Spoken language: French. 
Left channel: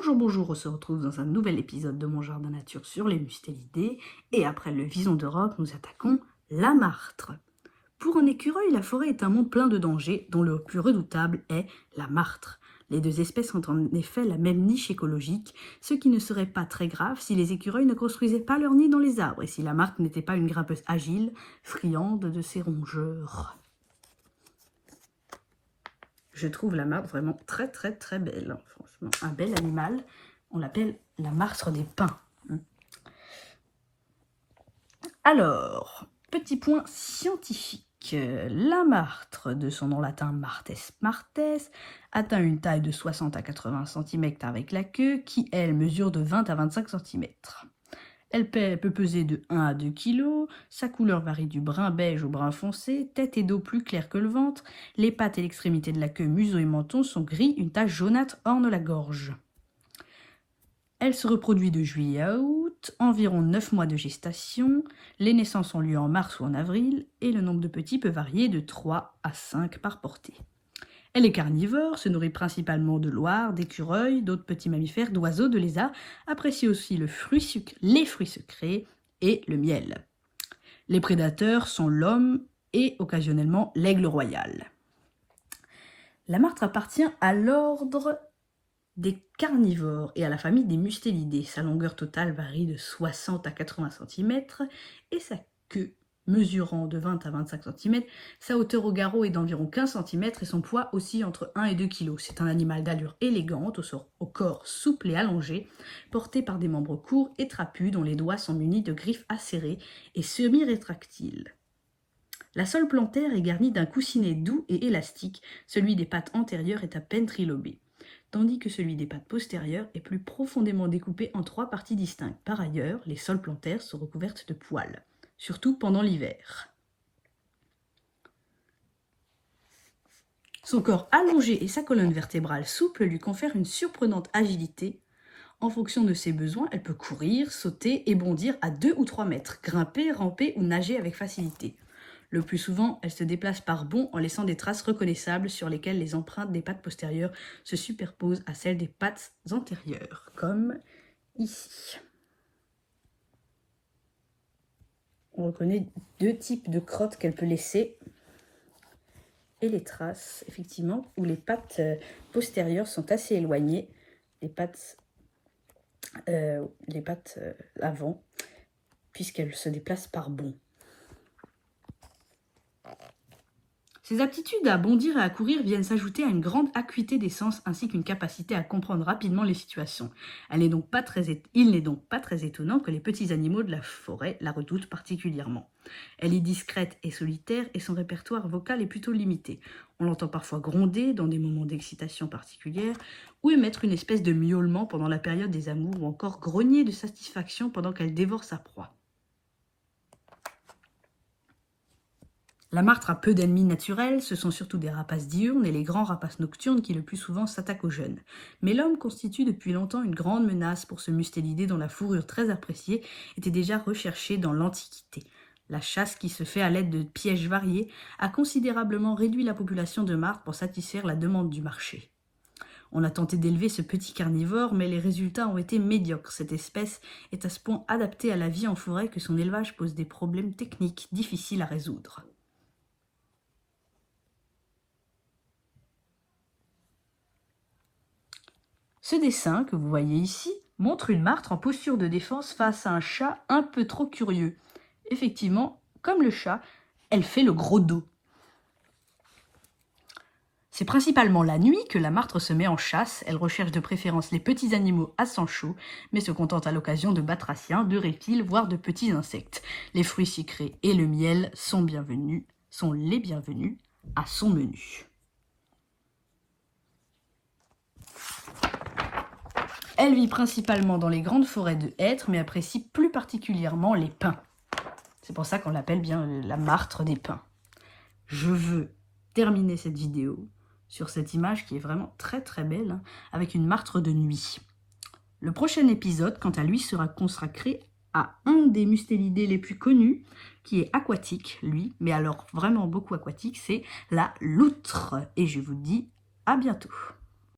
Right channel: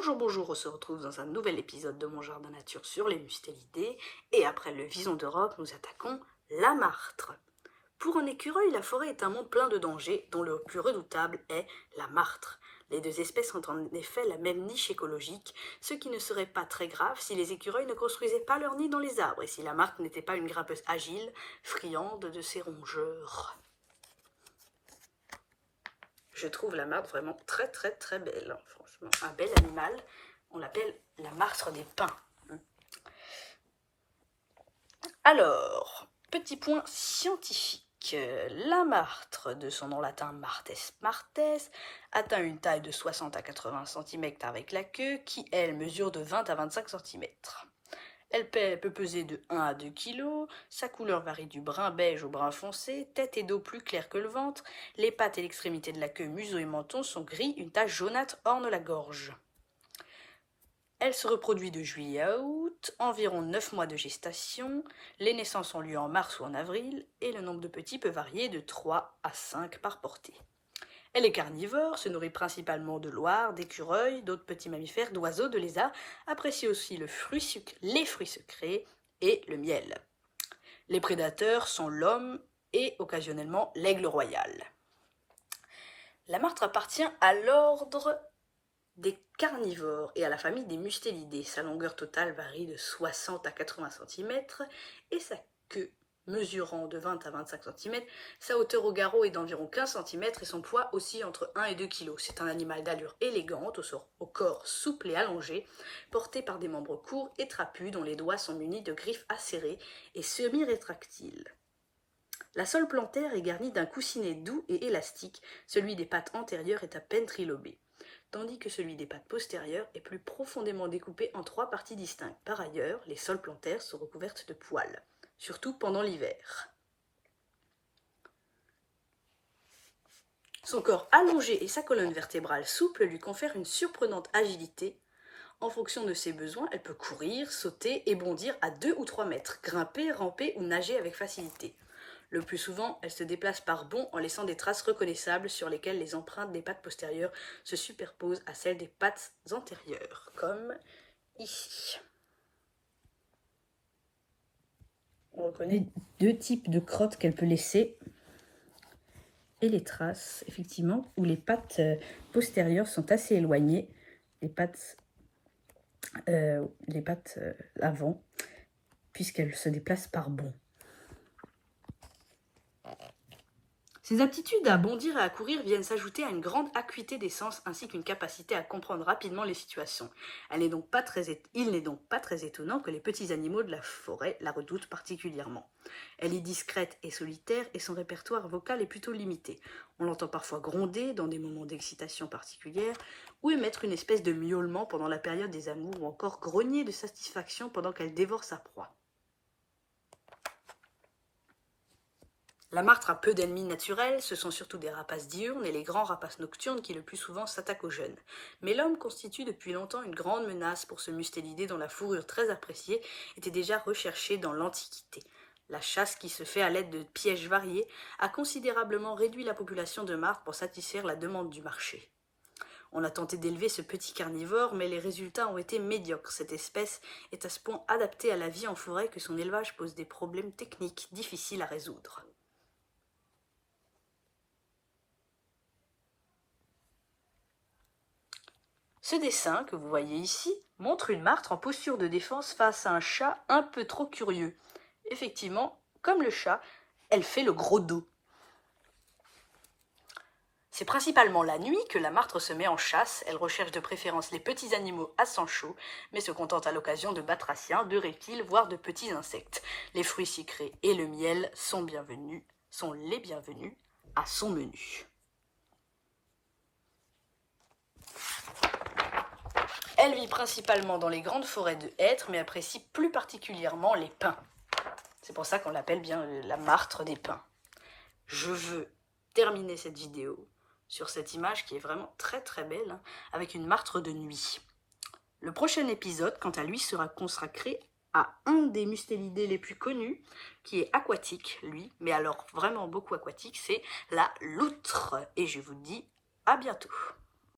Bonjour, bonjour, on se retrouve dans un nouvel épisode de Mon Jardin Nature sur les mustélidés. Et après le vison d'Europe, nous attaquons la martre. Pour un écureuil, la forêt est un monde plein de dangers, dont le plus redoutable est la martre. Les deux espèces ont en effet la même niche écologique, ce qui ne serait pas très grave si les écureuils ne construisaient pas leur nid dans les arbres et si la martre n'était pas une grimpeuse agile, friande de ses rongeurs. Je trouve la martre vraiment très belle. Franchement, un bel animal. On l'appelle la martre des pins. Alors, petit point scientifique. La martre, de son nom latin Martes martes, atteint une taille de 60 à 80 cm avec la queue, qui, elle, mesure de 20 à 25 cm. Elle peut peser de 1 à 2 kg, sa couleur varie du brun beige au brun foncé, tête et dos plus clairs que le ventre, les pattes et l'extrémité de la queue, museau et menton sont gris, une tache jaunâtre orne la gorge. Elle se reproduit de juillet à août, environ 9 mois de gestation, les naissances ont lieu en mars ou en avril, et le nombre de petits peut varier de 3 à 5 par portée. Elle est carnivore, se nourrit principalement de loirs, d'écureuils, d'autres petits mammifères, d'oiseaux, de lézards, apprécie aussi les fruits sucrés et le miel. Les prédateurs sont l'homme et occasionnellement l'aigle royal. La martre appartient à l'ordre des carnivores et à la famille des mustélidés. Sa longueur totale varie de 60 à 80 cm et sa queue mesurant de 20 à 25 cm, sa hauteur au garrot est d'environ 15 cm et son poids aussi entre 1 et 2 kg. C'est un animal d'allure élégante, au corps souple et allongé, porté par des membres courts et trapus dont les doigts sont munis de griffes acérées et semi-rétractiles. La sole plantaire est garnie d'un coussinet doux et élastique, celui des pattes antérieures est à peine trilobé, tandis que celui des pattes postérieures est plus profondément découpé en 3 parties distinctes. Par ailleurs, les soles plantaires sont recouvertes de poils, surtout pendant l'hiver. Son corps allongé et sa colonne vertébrale souple lui confèrent une surprenante agilité. En fonction de ses besoins, elle peut courir, sauter et bondir à 2 ou 3 mètres, grimper, ramper ou nager avec facilité. Le plus souvent, elle se déplace par bonds en laissant des traces reconnaissables sur lesquelles les empreintes des pattes postérieures se superposent à celles des pattes antérieures, comme ici. Donc on a 2 types de crottes qu'elle peut laisser et les traces, effectivement, où les pattes postérieures sont assez éloignées, les pattes avant, puisqu'elles se déplacent par bonds. Ces aptitudes à bondir et à courir viennent s'ajouter à une grande acuité des sens ainsi qu'une capacité à comprendre rapidement les situations. Il n'est donc pas très étonnant que les petits animaux de la forêt la redoutent particulièrement. Elle est discrète et solitaire et son répertoire vocal est plutôt limité. On l'entend parfois gronder dans des moments d'excitation particulière ou émettre une espèce de miaulement pendant la période des amours ou encore grogner de satisfaction pendant qu'elle dévore sa proie. La martre a peu d'ennemis naturels, ce sont surtout des rapaces diurnes et les grands rapaces nocturnes qui le plus souvent s'attaquent aux jeunes. Mais l'homme constitue depuis longtemps une grande menace pour ce mustélidé dont la fourrure très appréciée était déjà recherchée dans l'Antiquité. La chasse qui se fait à l'aide de pièges variés a considérablement réduit la population de martres pour satisfaire la demande du marché. On a tenté d'élever ce petit carnivore, mais les résultats ont été médiocres. Cette espèce est à ce point adaptée à la vie en forêt que son élevage pose des problèmes techniques difficiles à résoudre. Ce dessin que vous voyez ici montre une martre en posture de défense face à un chat un peu trop curieux. Effectivement, comme le chat, elle fait le gros dos. C'est principalement la nuit que la martre se met en chasse. Elle recherche de préférence les petits animaux à sang chaud, mais se contente à l'occasion de batraciens, de reptiles, voire de petits insectes. Les fruits sucrés et le miel sont les bienvenus à son menu. Elle vit principalement dans les grandes forêts de hêtres, mais apprécie plus particulièrement les pins. C'est pour ça qu'on l'appelle bien la martre des pins. Je veux terminer cette vidéo sur cette image qui est vraiment très belle, avec une martre de nuit. Le prochain épisode, quant à lui, sera consacré à un des mustélidés les plus connus, qui est aquatique, lui, mais alors vraiment beaucoup aquatique, c'est la loutre. Et je vous dis à bientôt.